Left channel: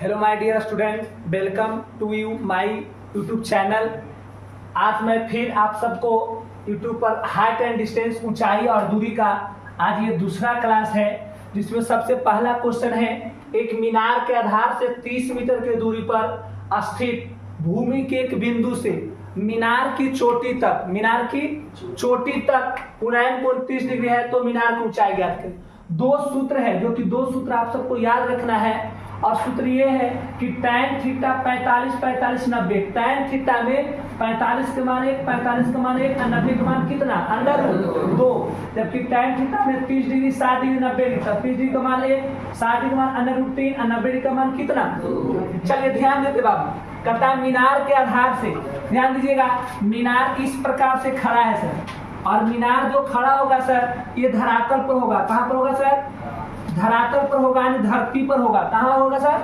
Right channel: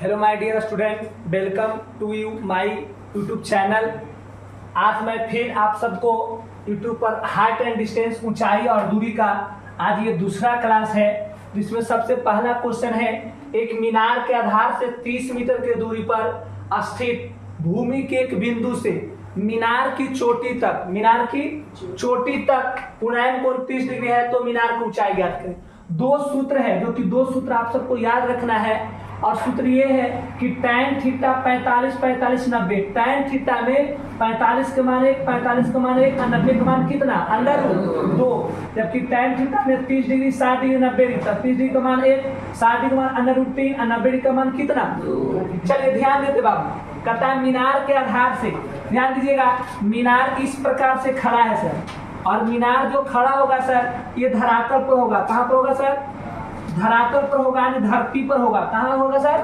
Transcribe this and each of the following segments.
Hello my dear student, welcome to you my YouTube channel. आज मैं फिर आप सबको यूट्यूब पर हाइट एंड डिस्टेंस, ऊंचाई और दूरी का आज ये दूसरा क्लास है, जिसमें सबसे पहला क्वेश्चन है, एक मीनार के आधार से 30 मीटर की दूरी पर स्थित भूमि के एक बिंदु से मीनार की चोटी तक उन्नयन कोण 30 डिग्री है, तो मीनार की ऊंचाई ज्ञात करें। दो सूत्र है, जो कि दो सूत्र आप सबको याद रखना है, और सूत्र ये है कि tan थीटा 45 45 90। tan थीटा में 45 का मान 1, 45 का मान 1 और 90 का मान कितना, √2। जबकि tan थीटा में 30 डिग्री 60 डिग्री 90 डिग्री, 30 डिग्री का मान 1, 60 डिग्री का मान √3 और 90 डिग्री का मान कितना। चलिए ध्यान देते बाबू, कहता है मीनार के आधार से, ध्यान दीजिएगा, मीनार इस प्रकार से खड़ा है सर, और मीनार जो खड़ा होगा सर, ये धरातल पर होगा। कहाँ पर होगा सर? धरातल पर होगा, यानी धरती पर होगा। कहाँ होगा सर?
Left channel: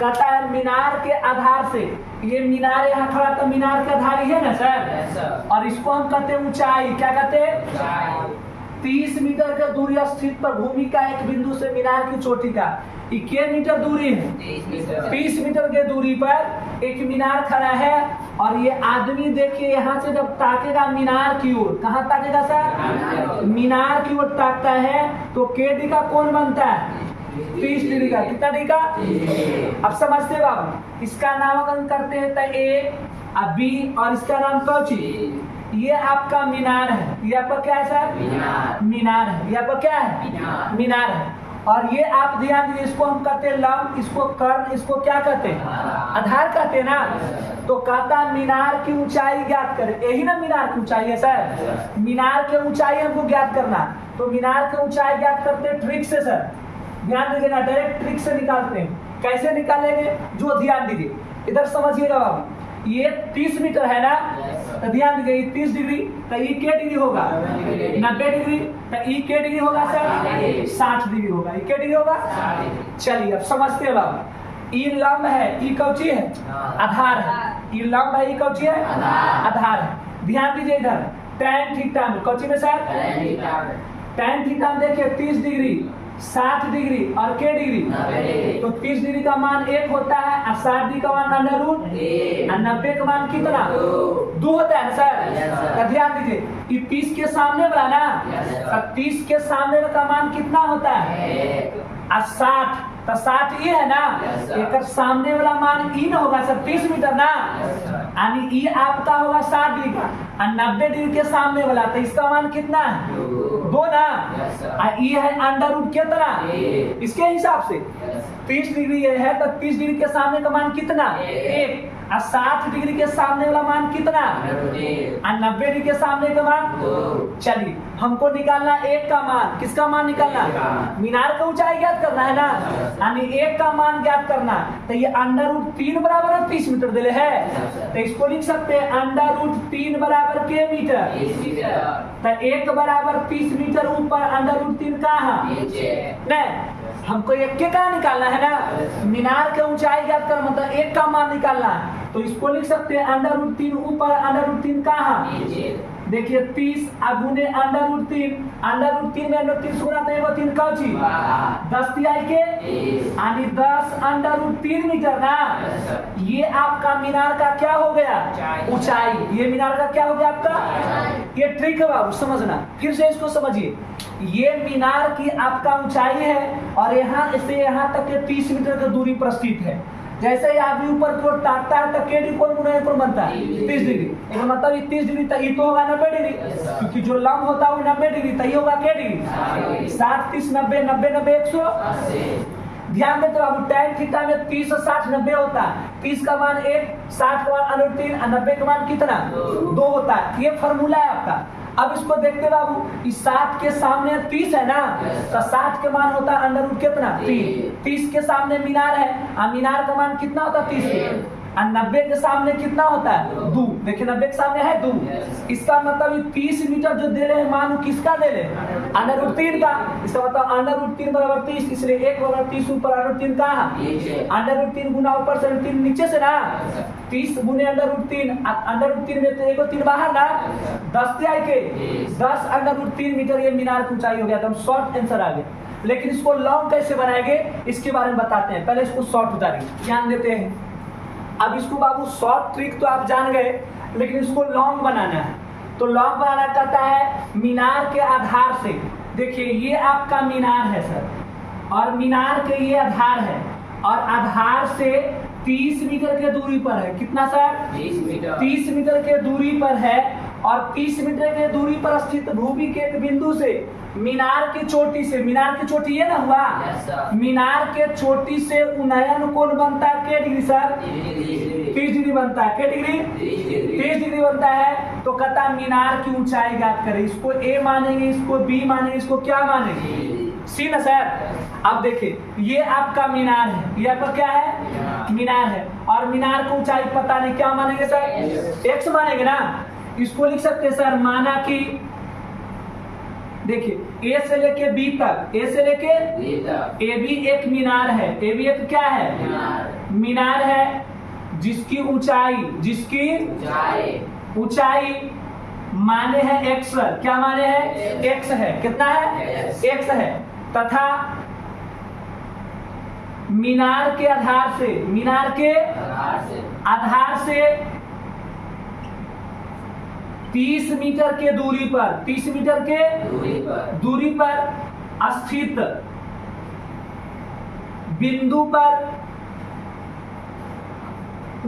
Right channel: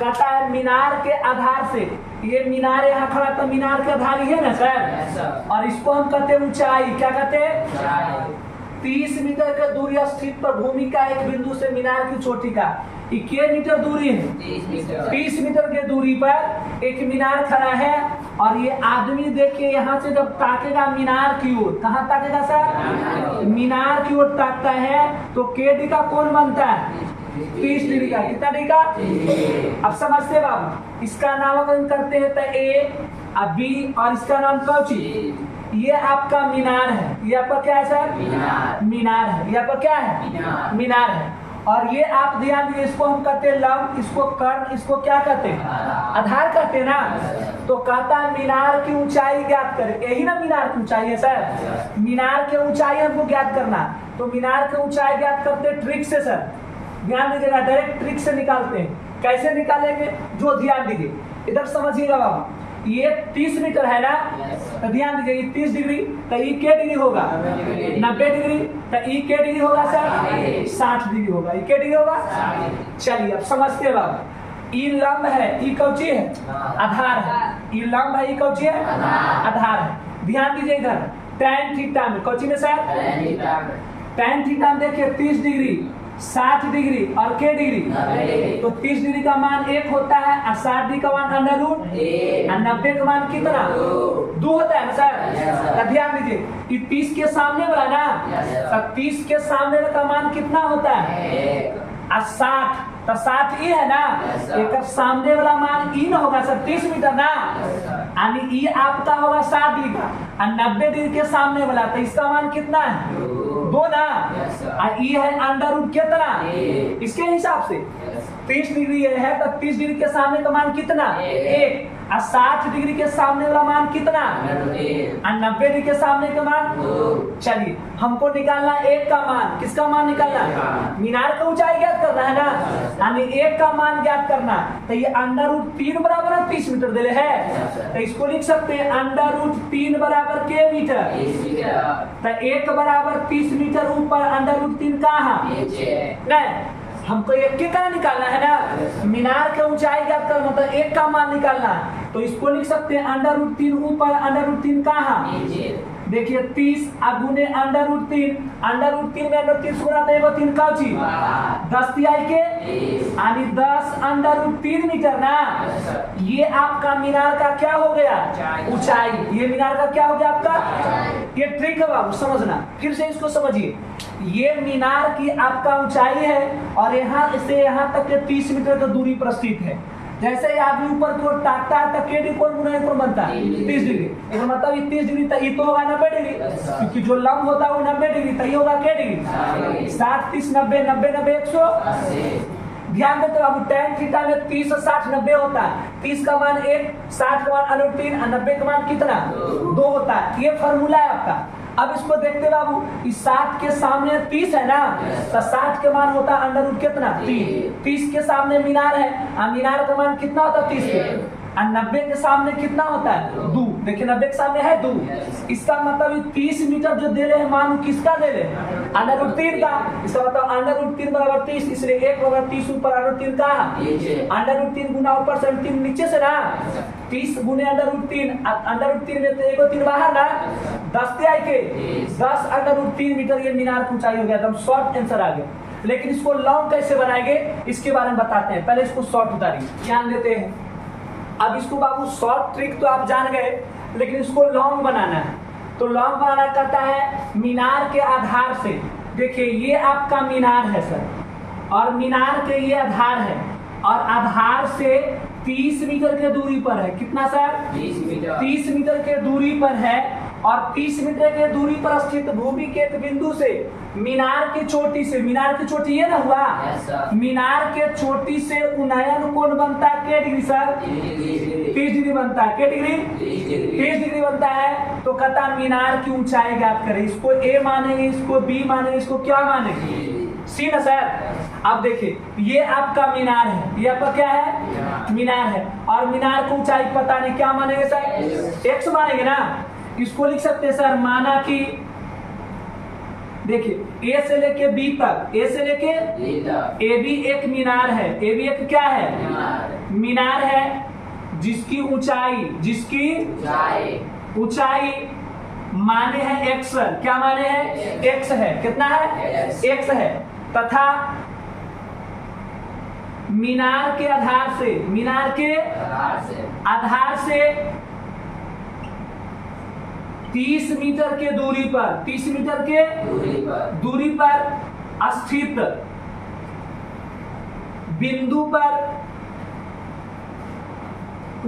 कहता है मीनार के आधार से, ये मीनार यहाँ खड़ा, तो मीनार के आधार ही है ना सर, और इसको हम कहते हैं ऊंचाई। क्या कहते हैं? 30 मीटर का दूरी स्थित पर भूमि का एक बिंदु से मीनार की चोटी का 21 मीटर दूरी है। 30 मीटर के दूरी पर एक मीनार खड़ा है, और ये आदमी देखिए यहाँ से जब ताकेगा मीनार की ओर, कहाँ ताकेगा सर? मीनार की ओर ताकता है, तो केडी का कोण बनता है 30 डिग्री का। कितना डिग्री का? अब समझते बाबू, इसका नामकरण करते हैं तो A और B, और इसका नाम कौची? ये आपका मीनार है। ये आपका क्या है सर? मीनार है। ये आपका क्या है? मीनार है। और ये आप ध्यान दीजिए, इसको हम कहते हैं लंब, इसको कर्ण, इसको क्या कहते हैं? आधार कहते हैं ना। तो कहता है मीनार की ऊंचाई ज्ञात करें। यही ना मीनार की ऊंचाई है सर, मीनार की ऊंचाई हमको ज्ञात करना। तो मीनार की ऊंचाई ज्ञात करते हैं ट्रिक से सर, ध्यान दीजिएगा, डायरेक्ट ट्रिक से निकालते हैं। कैसे निकालेंगे, जो ध्यान दीजिए, इधर समझिएगा बाबू, ये 30 मीटर है ना, तो ध्यान दीजिए, 30 डिग्री तो ये क्या डिग्री होगा? 90 डिग्री तो ये क्या डिग्री होगा सर? 60 डिग्री होगा। ये क्या डिग्री होगा? चलिए अब समझते हैं बाबू, ये लंब है, ये कौची है? आधार है। ये लंब है, ये कौची है? आधार है। ध्यान दीजिए इधर, tan थीटा में कौची में सर? tan थीटा में देखिए 30 डिग्री 60 डिग्री और के डिग्री, तो 30 डिग्री का मान 1 होता है, और 60 डिग्री का मान √, और 90 का मान कितना? 2 होता है ना सर। ध्यान दीजिए, ये 30 के सामने वाला ना, और 30 के सामने वाला का मान कितना होता है? और 60, तो 60 ये है ना, एक सामने वाला मान ई ना होगा सर, 30 मीटर ना, यानी ई आपका होगा 60 डिग्री का, और 90 डिग्री के सामने वाला, तो इसका मान कितना है? 2 ना, और ये है √, कितना? इसके हिसाब से 30 डिग्री ये है, तो 30 डिग्री के सामने का मान कितना? 1, और 60 डिग्री के सामने वाला मान कितना? और 90 डिग्री के सामने का मान 2। चलिए हमको निकालना 1 का मान। किसका मान निकालना? मीनार का ऊंचाई ज्ञात करना है ना, यानी 1 का मान ज्ञात करना। तो ये √3 बराबर है 30 मीटर दिले है, तो इसको लिख सकते हैं √3 बराबर के मीटर, तो 1 बराबर 30 मीटर ऊपर, √3 कहाँ है? हमको 1 के का निकालना है ना, मीनार के ऊंचाई ज्ञात करना, मतलब 1 का मान निकालना है, तो इसको लिख सकते हैं √3 ऊपर, √3 कहाँ? देखिए 30 गुने √3, √3 में √3 से गुणा, तो 3 का चीज 10 तिहाई के, यानी 10 √3 मीटर ना। ये आपका मीनार का क्या हो गया? ऊंचाई। ये मीनार का क्या हो गया आपका? ये ट्रिक है बाबू, समझना, फिर से इसको समझिए। ये मीनार की आपका ऊंचाई है, और यहाँ से यहाँ तक के 30 मीटर की दूरी पर स्थित है। जैसे ही आदमी ऊपर की ओर ताकता है, तो केडी कोण ऊपर बनता है 30 डिग्री। इसका मतलब 30 डिग्री तो ये तो होगा 90 डिग्री, क्योंकि जो लंब होता है वो 90 डिग्री, तो ये होगा के डिग्री? 60 30 90 90 90 180। ध्यान देते बाबू, tan थीटा में 30 और 60 90 होता है। 30 का मान 1, 60 का मान √3 और 90 का मान कितना? 2 होता है। ये फॉर्मूला है आपका। अब इसको देखते बाबू, इस 60 के सामने 30 है ना, तो 60 के मान होता है √, कितना? 3। 30 के सामने मीनार है, और मीनार का मान कितना होता है? 30 के, और 90 के सामने कितना होता है? 2। देखिए 90 के सामने है 2, इसका मतलब 30 मीटर जो दे रहे हैं मान, किसका दे रहे हैं? √3 का। इसका मतलब √3 बराबर 30, इसलिए 1 बराबर 30 ऊपर, √3 कहाँ? √3 गुना ऊपर से 3 नीचे से ना, 30 गुने √3, √3 में तो 1 3 बाहर ना, 10 तिहाई के, 10 √3 मीटर ये मीनार की ऊंचाई हो गया। एकदम शॉर्ट आंसर आ गया। लेकिन इसको लॉन्ग कैसे बनाएंगे इसके बारे में बताते हैं। पहले इसको शॉर्ट उतारिए, ध्यान देते हैं। अब इसको बाबू शॉर्ट ट्रिक तो आप जान गए, लेकिन इसको लॉन्ग बनाना है। तो लॉन्ग बनाना कहता है मीनार के आधार से, देखिए ये आपका मीनार है सर, और मीनार के ये आधार है, और आधार से 30 मीटर के दूरी पर है। कितना सर? 30 मीटर के दूरी पर है, और 30 मीटर के दूरी पर स्थित भूमि के एक बिंदु से मीनार की चोटी से, मीनार की चोटी ये ना हुआ, मीनार के चोटी से उन्नयन कोण बनता है क्या डिग्री सर? 30 डिग्री बनता है। क्या डिग्री? 30 डिग्री बनता है। तो कहता मीनार की ऊंचाई ज्ञात करें। इसको ए मानेंगे, इसको बी मानेंगे, इसको क्या मानेंगे? सी ना सर। अब देखिए ये आपका मीनार है, ये आपका क्या है? मीनार है, और मीनार की ऊंचाई पता नहीं क्या मानेंगे सर? एक्स मानेंगे ना। इसको लिख सकते हैं सर, माना कि देखिए ए से लेके बी तक, ए से लेके ए बी एक मीनार है। ए बी एक क्या है? मीनार है जिसकी ऊंचाई माने है एक्स। क्या माने है? एक्स है। कितना है? एक्स है। तथा मीनार के आधार से 30 मीटर के दूरी पर, 30 मीटर के दूरी पर स्थित बिंदु पर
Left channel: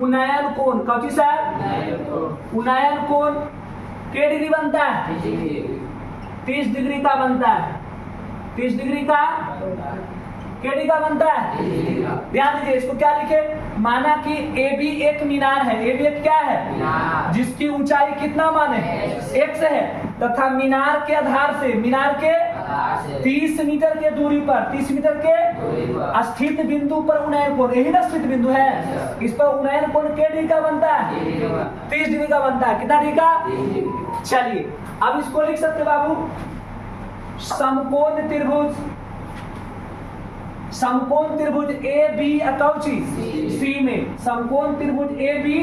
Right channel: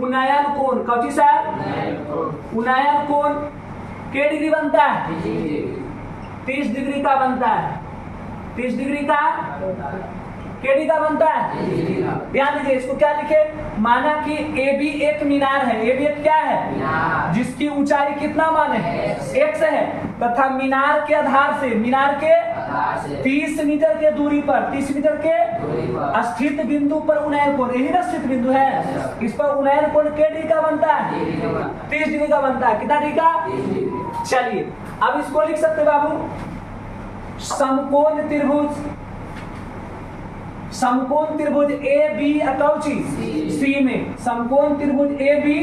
उन्नयन कोण, कौची सर? उन्नयन कोण के डिग्री बनता है? 30 डिग्री का बनता है। 30 डिग्री का केडी का बनता है? ध्यान दीजिए, इसको क्या लिखे? माना कि ए बी एक मीनार है। ए बी एक क्या है? जिसकी ऊंचाई कितना माने? एक्स है। तथा मीनार के आधार से, मीनार के 30 मीटर के दूरी पर, 30 मीटर के स्थित बिंदु पर उन्नयन कोण, यही ना स्थित बिंदु है, इस पर उन्नयन कोण के डिग्री का बनता है? 30 डिग्री का बनता है। कितना डिग्री का? चलिए अब इसको लिख सकते बाबू, समकोण त्रिभुज ए बी कौची सी में, समकोण त्रिभुज ए बी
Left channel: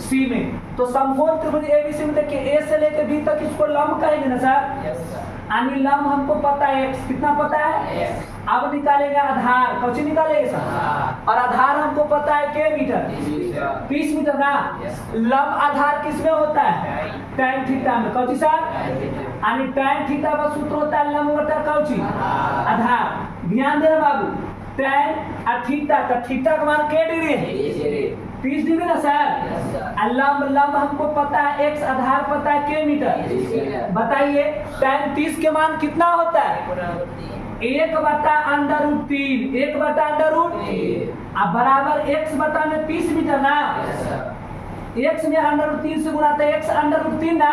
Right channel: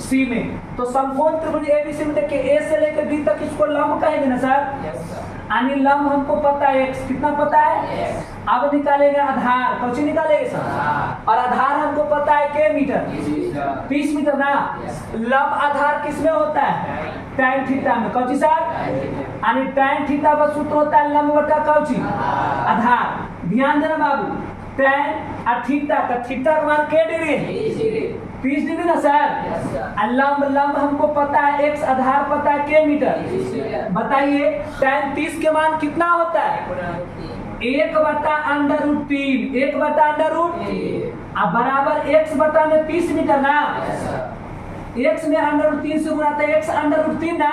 सी में। तो समकोण त्रिभुज ए बी सी में देखिए ए से लेकर बी तक इसको लंब कहेंगे ना सर, यानी लंब हमको पता है एक्स। कितना पता है? अब निकालेंगे आधार, कौची निकालेंगे सर? और आधार हमको पता है के मीटर, 30 मीटर ना। लंब आधार किसमें होता है? tan थीटा में। Cauchy sir? यानी tan थीटा का सूत्र होता है लंब बटा कौची आधार। ध्यान देना बाबू, tan और थीटा का, थीटा का मान के डिग्री है? 30 डिग्री ना सर। लंब हमको पता है एक्स, आधार पता है के मीटर। बताइए tan 30 के मान कितना होता है? 1/√3, 1/√3 अब बराबर x बटा में 30 मीटर ना। x में √3 से गुणा तो x √3 ना,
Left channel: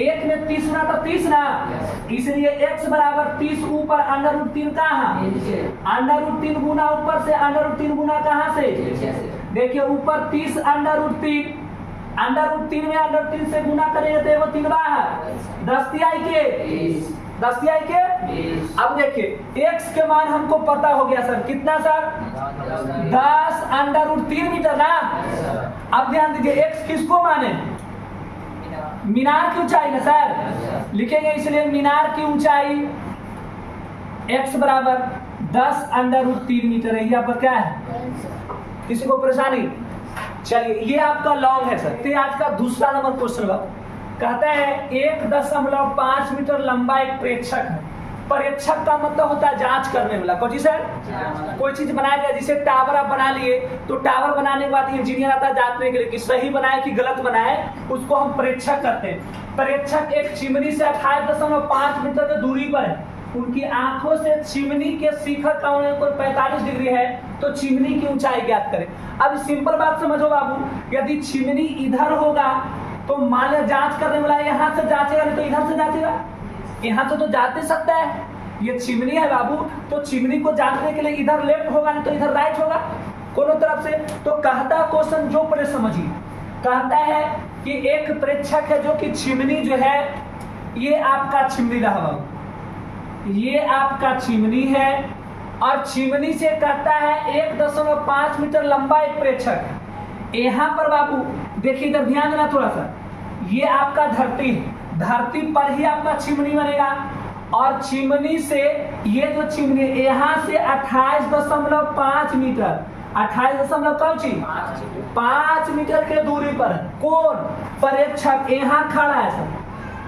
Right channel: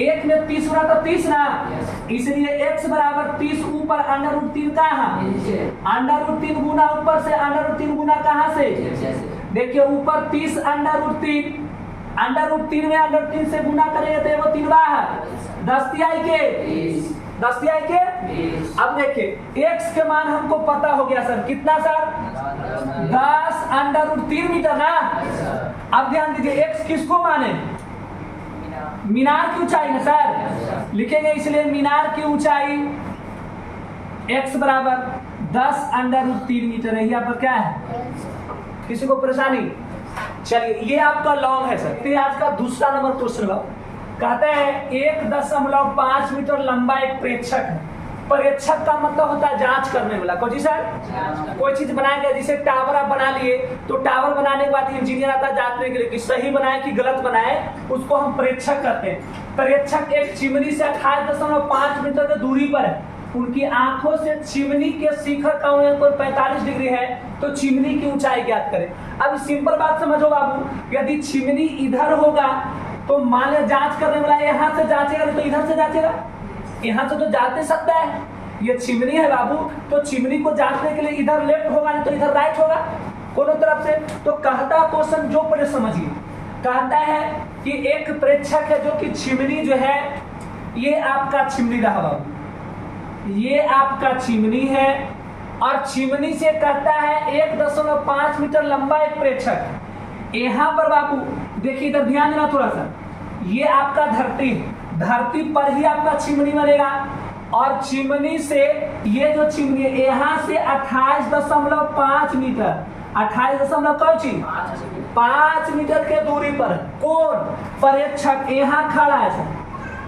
1 में 30 गुणा तो 30 ना, इसलिए x बराबर 30 ऊपर √3 कहाँ? √3 गुना ऊपर से, √3 गुना कहाँ से? देखिए ऊपर 30 √3 में √3 से गुना करेंगे तो वो 3 बाहर, 10 तिहाई के 20। अब देखिए x के मान हमको पता हो गया सर, कितना सर? 10 √3 मीटर ना। अब ध्यान दीजिए x किसको माने? मीनार की ऊंचाई ना सर, लिखेंगे इसलिए मीनार की ऊंचाई x बराबर 10 √3 मीटर है। ये आपका क्या है? किसी को परेशानी? चलिए ये आपका लॉन्ग है सर। तो आज का दूसरा नंबर क्वेश्चन कहता है 1.5 मीटर लंबा एक प्रेक्षक है। प्रेक्षक का मतलब होता है जांच करने वाला। कौन सर? कोई चीज बनाया गया, जैसे टावर आप बना लिए, तो टावर बनाने के बाद इंजीनियर आता है जांचने के लिए कि सही बनाए कि गलत बनाए, उसको हम प्रेक्षक कहते हैं। प्रेक्षक एक चिमनी से 28.5 मीटर की दूरी पर है। उनकी आंखों से चिमनी के शिखर का कोण 45 डिग्री है, तो चिमनी की ऊंचाई ज्ञात करें। अब सिंपल बात समझो बाबू, यदि चिमनी इधर होगा तो मान लो जांच करने वाला यहाँ से जांचेगा, नहीं तो इधर से जांचेगा। यहाँ से तो जांच नहीं सकता है, ये चिमनी है बाबू, तो चिमनी को जांचने के लिए इधर लेफ्ट होगा, नहीं तो इधर राइट होगा, दोनों तरफ से। तो कहता है क्वेश्चन जो पहले समझिए, कहता है कि एक प्रेक्षक है जो कि चिमनी जो है, ये आपका चिमनी रहा बाबू, ये आपका चिमनी है, और चिमनी से कहता है 1.5 मीटर लंबा एक प्रेक्षक। यहाँ पर बाबू देखिए, इधर ध्यान देना थोड़ा सा, ये आपका धरती है, धरती पर ही आपका चिमनी बनेगा, और चिमनी से ये जो चिमनी यहाँ से 28.5 मीटर 28.5 मीटर के दूरी पर कौन परीक्षक यहाँ खड़ा है सर,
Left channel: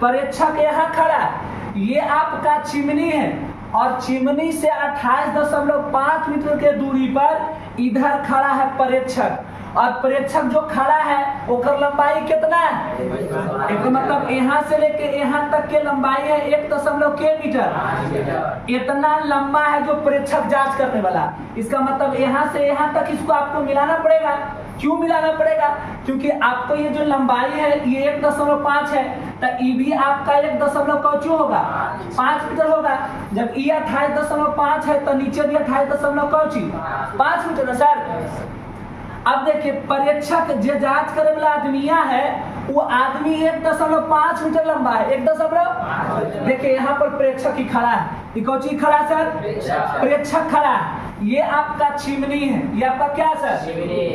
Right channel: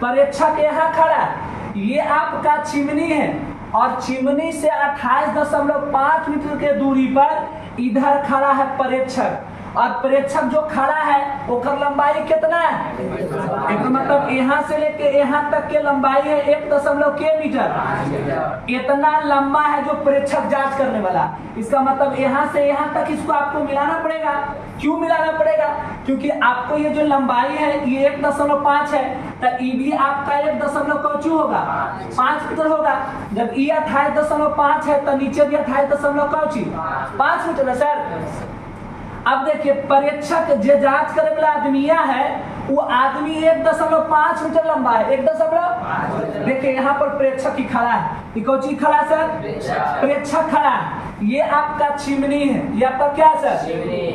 परीक्षक यहाँ खड़ा है। ये आपका चिमनी है और चिमनी से 28.5 मीटर के दूरी पर इधर खड़ा है परीक्षक, और परीक्षक जो खड़ा है वो लंबाई कितना है, इसका मतलब यहाँ से लेके यहाँ तक के लंबाई है 1.5 मीटर। इतना लंबा है जो परीक्षक जांच करने वाला। इसका मतलब यहाँ से यहाँ तक इसको आपको मिलाना पड़ेगा। क्यों मिलाना पड़ेगा? क्योंकि आपको ये जो लंबाई है ये 1.5 है, तो ई भी आपका 1.5 होगा 5 मीटर होगा। जब ई 28.5 है तो नीचे भी 28.5 मीटर है सर। अब देखिए परीक्षक जो जांच करे वाला आदमिया है वो आदमी 1.5 मीटर लंबा है। 1.5 देखिए यहाँ पर परीक्षक ही खड़ा है। ये कौन चीज खड़ा है सर? परीक्षक खड़ा है। ये आपका चिमनी है, ये आपका क्या सर?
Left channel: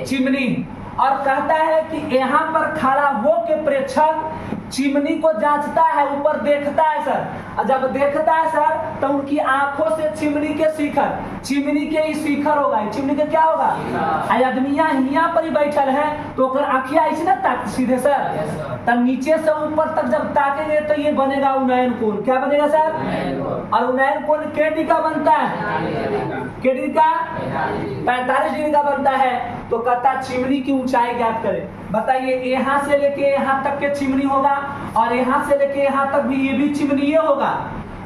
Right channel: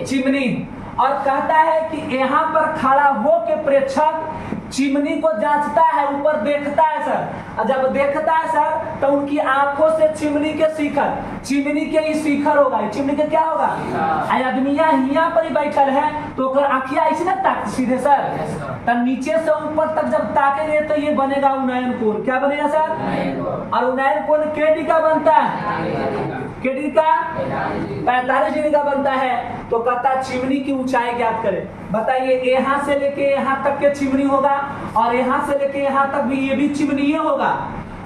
चिमनी। और कहता है कि यहाँ पर खड़ा हो के परीक्षक चिमनी को जांचता है, ऊपर देखता है सर। और जब देखता है सर तो उनकी आंखों से चिमनी के शिखर, चिमनी के ही शिखर होगा, चिमनी के क्या होगा, आदमिया यहाँ पर ही बैठल है तो आंखिया ऐसे ना ताक सीधे सर, तो नीचे से ऊपर तक जब ताकेंगे तो ये बनेगा उन्नयन कोण। क्या बनेगा सर? और उन्नयन कोण केडी का बनता है, केडी का 45 डिग्री का बनता है। तो कहता चिमनी की ऊंचाई ज्ञात करें। बताइए यहाँ से लेके यहाँ तक के चिमनी होगा और यहाँ से लेके यहाँ तक भी ये भी चिमनी होगा।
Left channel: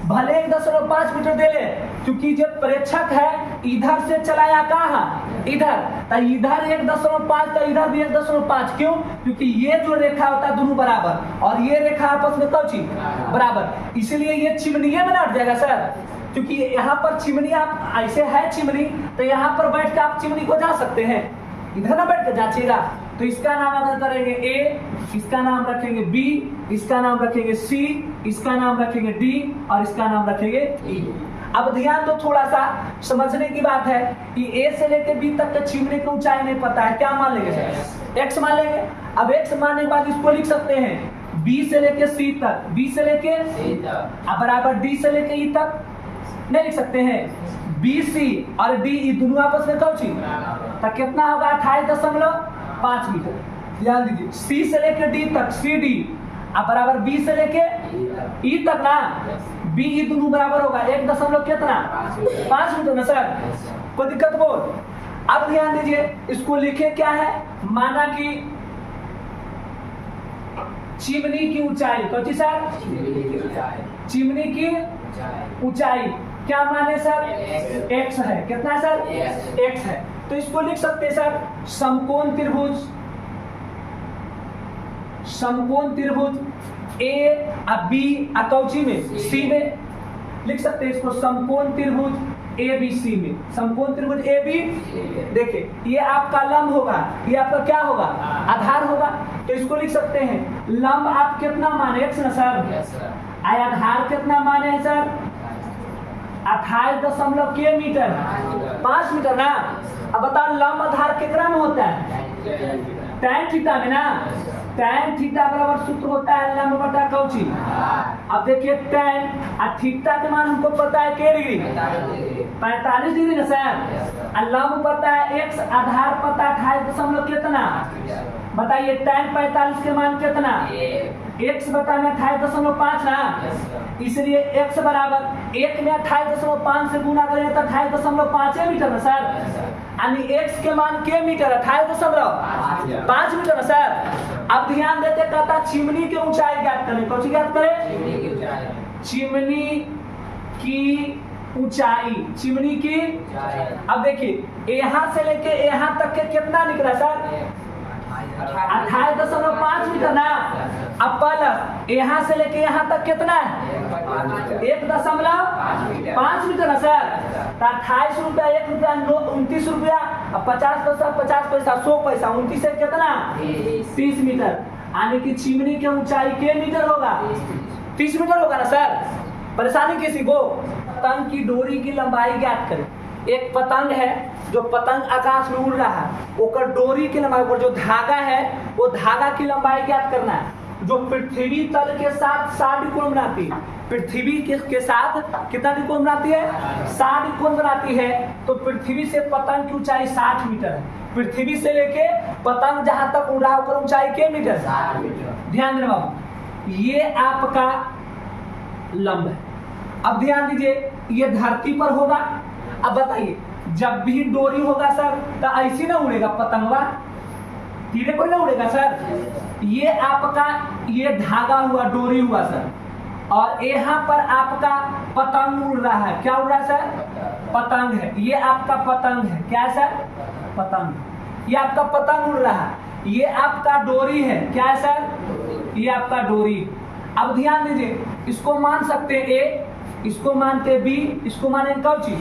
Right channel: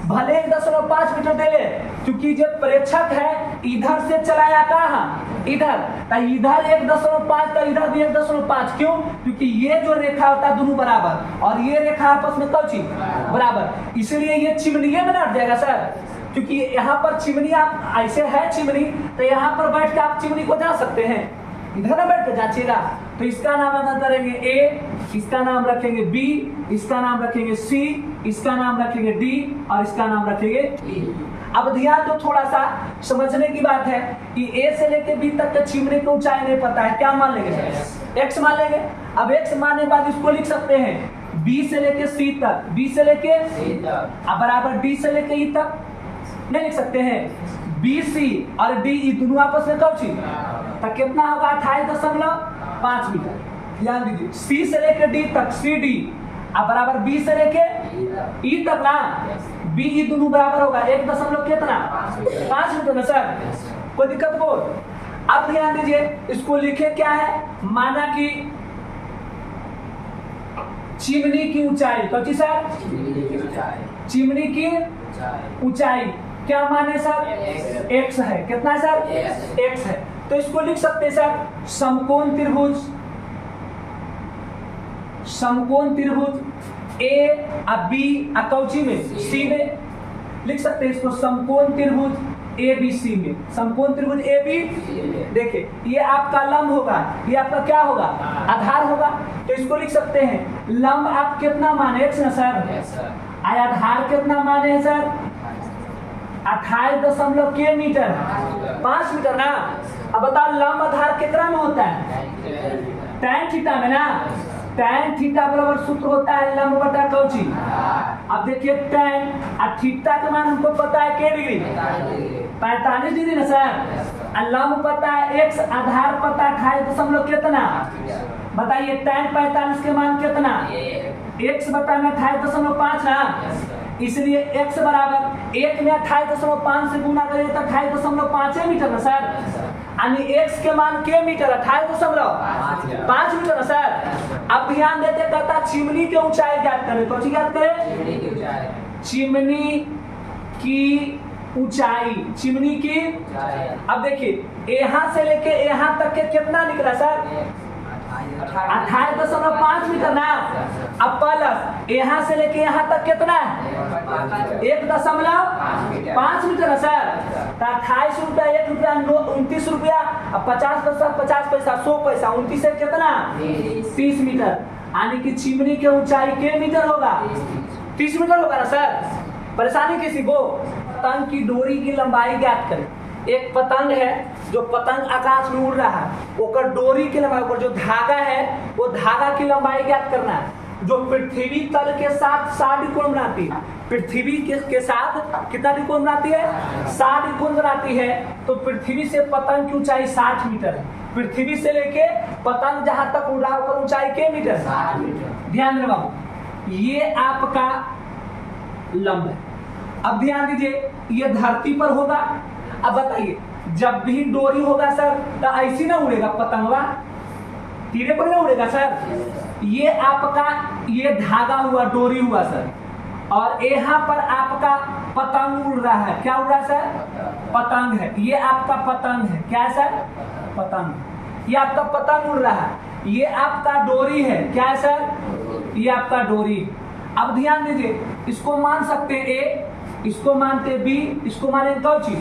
भले 1.5 मीटर दे ले, क्योंकि जो प्रेक्षक है इधर से चलाया कहाँ, इधर, तो इधर 1.5 तो इधर भी 1.5। क्यों? क्योंकि ये जो रेखा होता है दोनों बराबर और ये रेखा आपस में कौन चीज बराबर, इसीलिए ये चिमनी में लौट जाएगा सर। क्योंकि यहाँ पर चिमनी आप ऐसे है चिमनी, तो यहाँ पर बैठ के आप चिमनी को जा सकते हैं, इधर ना बैठ कर जांचिएगा। तो इसका नाम अगर करेंगे ए, इसका नाम रखेंगे बी, इसका नाम रखेंगे सी, इसका नाम रखेंगे डी और इसका नाम रखेंगे ई। अब ध्यान दो, थोड़ा सा समझने की बात है कि ए से लेकर बी तक के चिमनी की ऊंचाई नहीं पता है, क्या मान लेंगे? एक्स मान लेंगे। अब एक्स मानने के बाद इसको लिख सकते हैं बी से लेके सी तक, बी से लेके अब बराबर डी से लेके ई तक नहीं लिख सकते हैं। बी सी और डी ई दोनों आपस में कौन चीज, तो कितना होगा 28.5 मीटर। ध्यान दीजिए, सी से लेके डी तक, सी डी अब बराबर बी से लेके ई तक ना, बी ई दोनों बराबर होगा 1.5 मीटर में सर। कोई दिक्कत हो? अब ध्यान दीजिए, इसको लिखे क्या है, माना कि चिमनी की ऊंचाई, कौन सी सर? चिमनी की ऊंचाई क्या माने सर? एक्स है। कितना है सर? एक्स है। तो इसको लिख सकते हैं सर समकोण त्रिभुज, समकोण त्रिभुज ए और बी कौची में, सी में लिख सकते हैं इसको समकोण त्रिभुज ए बी सी में, समकोण त्रिभुज ए बी। देखिए ये आपका लंब होगा, ये आपका क्या होगा, आधार होगा। तो इसको लिख सकते हैं लंब आप कितना माने, एक्स ना सर, आधार कितना माने है सर 28 मीटर, 5 मीटर ना। अब बताओ लंब आधार कितना में होता है, tan थीटा में ना। tan थीटा बराबर सूत्र होता है लंब बटा कौची। अब देखिए tan और थीटा के मान हमको पता है के डिग्री, 45 डिग्री ना सर। लंब पता है x, आधार पता है 28 कितना। बताइए tan 45 के मान कितना, x बटा में 28.5 ना। इसलिए x बराबर 1 में 28.5 से गुना करेंगे तो 28.5 मीटर ना सर। यानी x के मान के मीटर, 28.5 मीटर ना सर। अब ध्यान देते, कहता चिमनी की ऊंचाई ज्ञात करें। कौन सी ज्ञात करें? चिमनी की ऊंचाई, चिमनी की। अब देखिए यहाँ से लेके यहाँ तक के कितना निकला सर, 28.5 मीटर ना। अब प्लस यहाँ से लेके यहाँ तक कितना है 1.5 मीटर ना सर। 28 रुपया, 1 रुपया, 29 रुपया, अब 50 पैसा, 50 पैसा, 100 पैसा, 29 से कितना 30 मीटर। यानी कि चिमनी की ऊंचाई के मीटर होगा, 30 मीटर होगा ना सर। परेशानी किसी को, पतंग की डोरी की लंबाई ज्ञात करें। एक पतंग है जो पतंग आकाश में उड़ रहा है, ओकर डोरी की लंबाई, जो धागा है वो धागा की लंबाई ज्ञात करना है, जो पृथ्वी तल के साथ 60 कोण बनाती है। पृथ्वी के साथ कितना त्रिकोण बनाती है? 60 त्रिकोण बनाती है। तो पृथ्वी से पतंग की ऊंचाई 60 मीटर है। पृथ्वी से लेके पतंग जहां तक उड़ा होकर ऊंचाई के मीटर? 60 मीटर। ध्यान देना बाबू, ये आपका लंब है। अब ध्यान दीजिए, ये धरती पर होगा। अब बताइए, जब भी डोरी होगा सर तो ऐसी ना उड़ेगा पतंगवा, तीरे पर ना उड़ेगा सर। ये आपका ये धागा हुआ, डोरी हुआ सर, और यहाँ पर आपका पतंग उड़ रहा है। क्या उड़ रहा है सर? पतंग है। ये आपका पतंग है। क्या है सर? पतंग। ये आपका पतंग उड़ रहा है। ये आपका डोरी है। क्या है सर? ये आपका डोरी। अब ध्यान दीजिए, इसको मान सकते ए, इसको मानते बी, इसको माने कौची।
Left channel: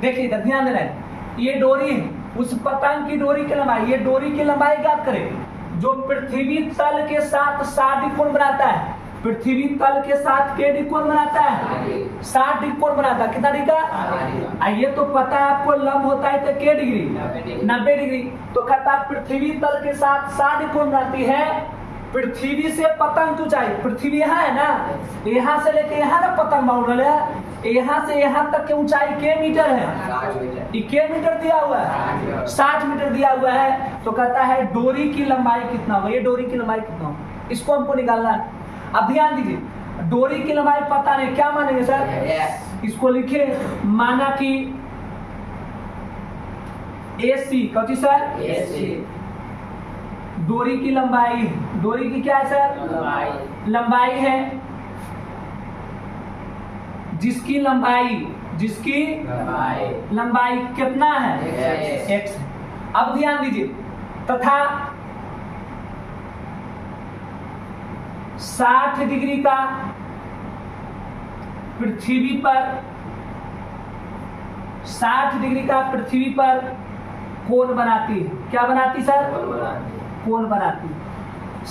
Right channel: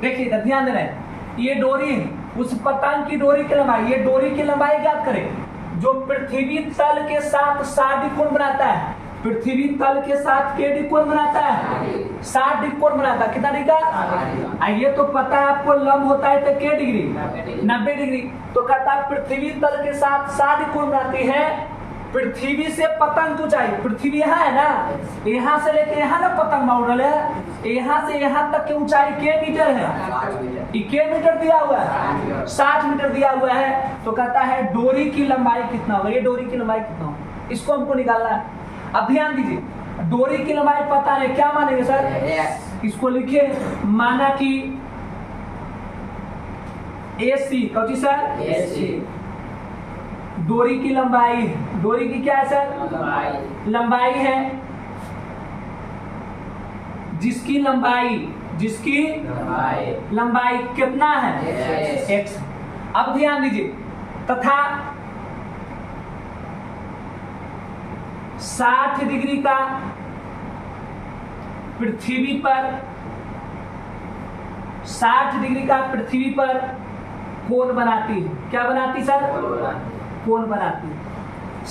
देखिए ध्यान देना है, ये डोरी है, उस पतंग की डोरी की लंबाई, ये डोरी की लंबाई ज्ञात करें जो पृथ्वी तल के साथ 60 त्रिकोण बनाता है। पृथ्वी तल के साथ के त्रिकोण बनाता है? 60 त्रिकोण बनाता है। कितना डिग्री? ये तो पता है आपको, लंब होता है तो के डिग्री? 90 डिग्री। तो कहता है पृथ्वी तल के साथ 60 त्रिकोण बनाती है। पृथ्वी से पतंग ऊंचाई, पृथ्वी यहाँ है ना, यहाँ से लेके यहाँ ना पतंग उड़ रहा है, यहाँ से यहाँ तक की ऊंचाई के मीटर है? के मीटर दिया हुआ है, 60 मीटर दिया हुआ है। तो कहता है डोरी की लंबाई कितना होगा? ये डोरी की लंबाई कितना होगा, इसको हमको निकालना है। अब ध्यान दीजिए, डोरी की लंबाई पता नहीं, क्या मानेंगे सर? इसको लिखे, माना कि AC, कौन सी सर? AC डोरी की लंबाई। डोरी की क्या है सर? लंबाई है, जिसकी लंबाई कितना है? x। अब ध्यान दीजिए, तथा 60 डिग्री का पृथ्वी पर 60 डिग्री का पृथ्वी पर कोण बनाती है। क्या बनाती सर? कोण बनाती है।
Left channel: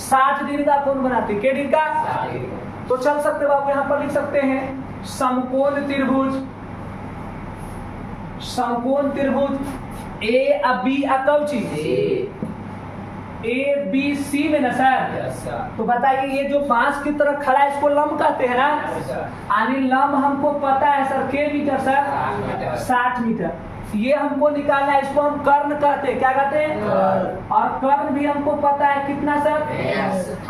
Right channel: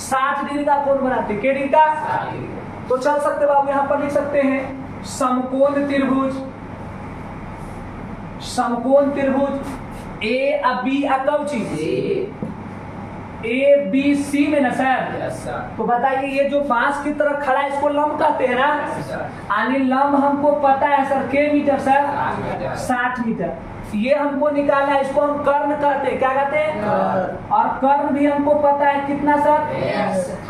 60 डिग्री का कोण बनाती है। डिग्री का? तो चल सकते बाबू, यहां पर लिख सकते हैं समकोण त्रिभुज। समकोण त्रिभुज ए अब बी अकौची ABC में ना सर? तो बताइए, ये जो बांस की तरह खड़ा है इसको लंब कहते हैं ना? यानी लंब हमको पता है सर, के मीटर सर? 60 मीटर। ये हमको निकालना है, इसको हम कर्ण कहते हैं। क्या कहते हैं? और कर्ण भी हमको पता है कितना सर?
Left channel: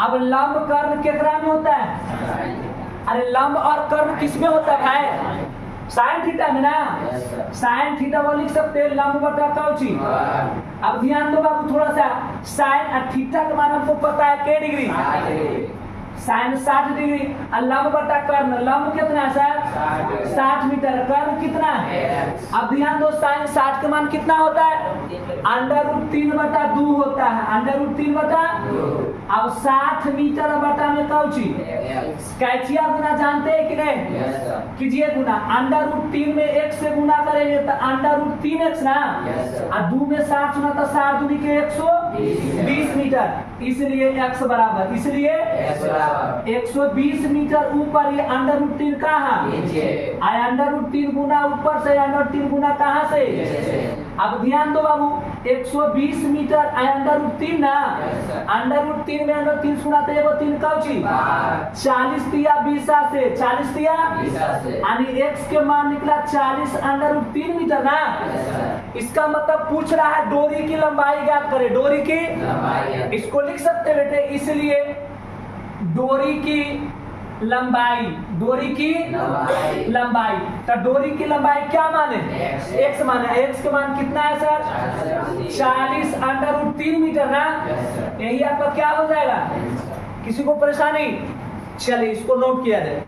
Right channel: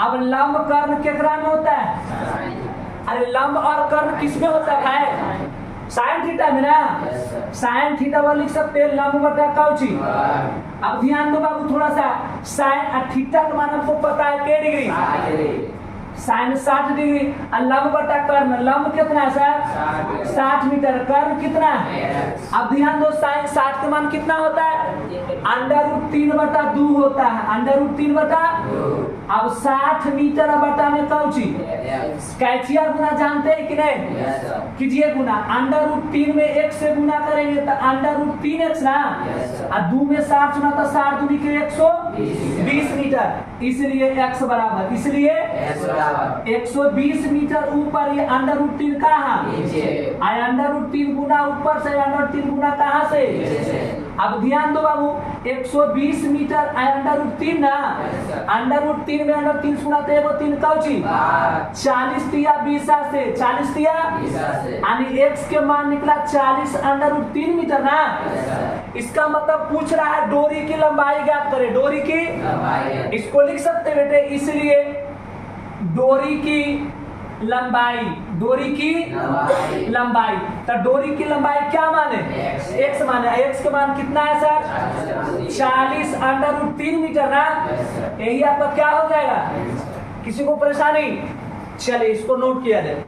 अब लंब कर्ण केकरा में होता है? अरे लंब और कर्ण किसमें होता है भाई? साइन थीटा में ना? साइन थीटा वो लिख सकते हैं, लंब बटा कौची। अब ध्यान दो बाबू थोड़ा सा, साइन थीटा का मान हमको पता है के डिग्री? Sign 60 degree. लंब बटा कर्ण, लंब कितना है सर? 60 मीटर। कर्ण कितना है? अब ध्यान दो, साइन 60 का मान कितना होता है? √3/2 होता है। √3/2। अब 60 मीटर बटा में कौची कैचिया गुना जानते हैं कि नहीं? कीजिए गुना। √3 में 1 से गुना करेंगे तो √3x ना, और 2 में 60 सुना तो 60 दूनी के 120 मीटर। इसलिए x बराबर, इसलिए 120 मीटर ऊपर। ये √3 कहाँ? √3 गुना ऊपर से, √3 गुना कहाँ से? अब ध्यान दो बाबू, 120 मीटर √3 ना, √3 में √3 सुना तो एगो 3 कौची 40 दिया 20 से, 40 दिया यानी x के मान निकला 40 √3 मीटर ना। इसका मतलब पूछ रहा है डोरी की लंबाई ज्ञात करें। डोरी की, इसको लिख सकते बेटे, इसलिए डोरी की लंबाई, डोरी की लंबाई। तो डोरी की लंबाई क्या माने? x माने। x का मान कितना है सर? 40 √3 मीटर ना। यही आपका क्या हो जाएगा? किसी को परेशानी? चलिए इसको नोट किया जाए।